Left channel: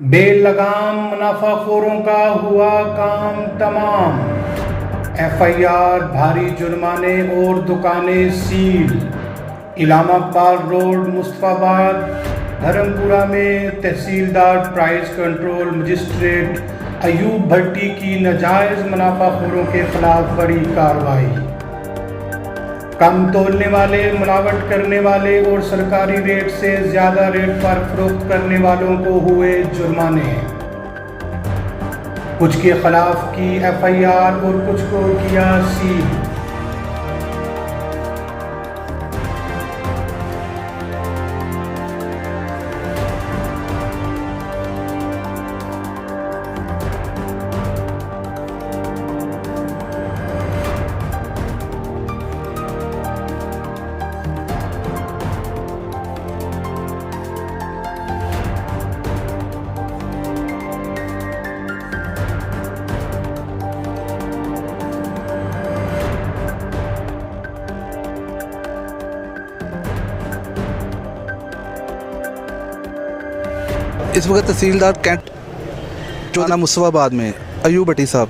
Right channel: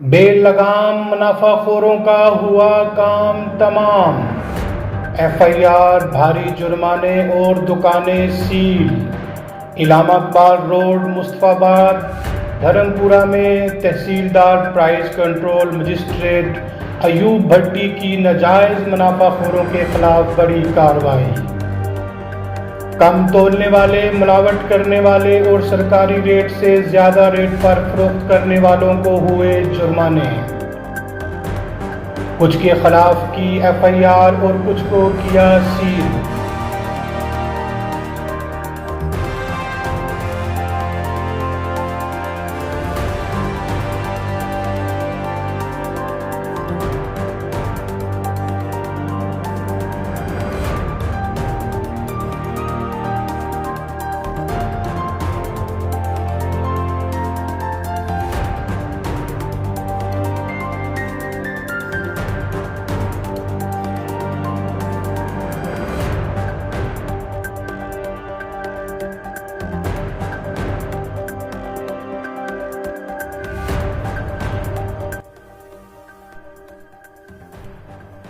बेलगाम मुनाफाखोरों का हुआ काम तमाम। एफआईआर, भारी जुर्माने और दुकानें सील। इलाहाबाद रोड, मुस्तफाबाद, धर्मपुरा में तहसीलदार प्राइस कंट्रोल मजिस्ट्रेट अयूब भट्टी की नाजायज़ मुनाफाखोरों के खिलाफ बड़ी कार्रवाई। कम तोलने वाले, मिलावट करने वाले और सरकारी रेट से ज़्यादा रेट पर फरोख्त करने वालों को हुए जुर्माने। कुछ के खिलाफ की एफआईआर और कुछ को किया सील। इस वक्त तहसीलदार कैंट चौना मुस्तफाबाद में अयूब भट्टी साहब,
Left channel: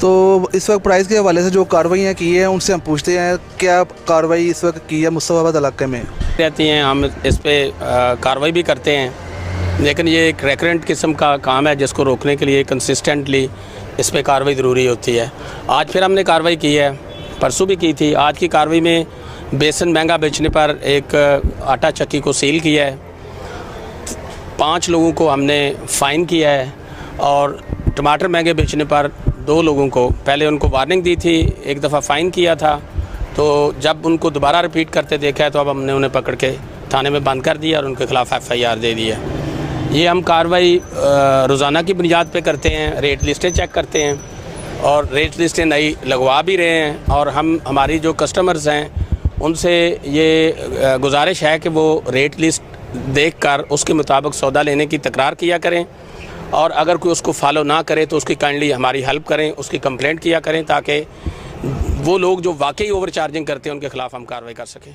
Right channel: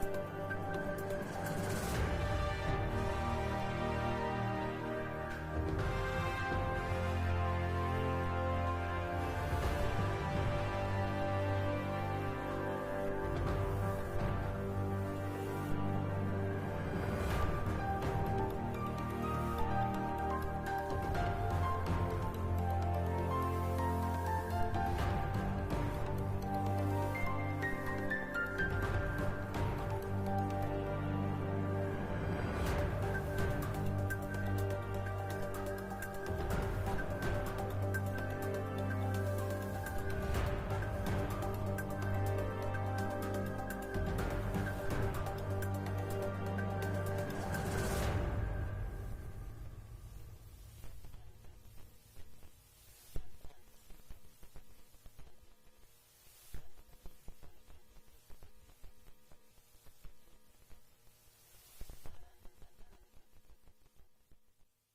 तो इस वक्त प्राइस के हवाले से जो कार्रवाइयाँ की हैं उनसे हम पूछते हैं क्या कार्रवाई इस वक्त की है मुस्तफाबाद इलाके में रहती हैं। हम इस पर कार्रवाई भी करते हैं, लेकिन ये एक रेकरेंट किस्म का काम है जिसको रोकने के लिए कंसिस्टेंटली इस पर कार्रवाई ज़रूरी होती है। आज फिर हमने कार्रवाई की है, परसों भी की थी। आज की कार्रवाई में बेसन महंगा बेचने पर एक आटा चक्की को सील किया है, 5 लोगों को हमने फ़ाइन किया है और टमाटर महंगे बेचने पर 2 लोगों को पहले उनको वार्निंग दी थी, एक दफ़ा फ़ाइन किया था, तो जब उनको दोबारा रिपीट करते देखा है तो अब हमने उन्हें पकड़ के थाने में बंद कर दिया और उनके खिलाफ़ एफआईआर दे दी है। ये हम कार्रवाई रोज़ाना की बुनियाद पे करते हैं, रेट लिस्टें चेक करते हैं और रेट लिस्टें नई लगवा भी रहे हैं। और हम हमारी जो कस्टमर्स हैं उनसे ये गुजारिश है कि वो रेट लिस्ट देखकर उसके मुताबिक सौदा लेने की तकरार किया करें और अगर कोई उसको फॉलो ना करे तो उसकी काइंडली हमारी हेल्प करें, उसकी कंप्लेंट किया करें ताकि वो लोग जो वाकई ओवर चार्जिंग करते हैं उनके खिलाफ हम कार्रवाई कर सकें।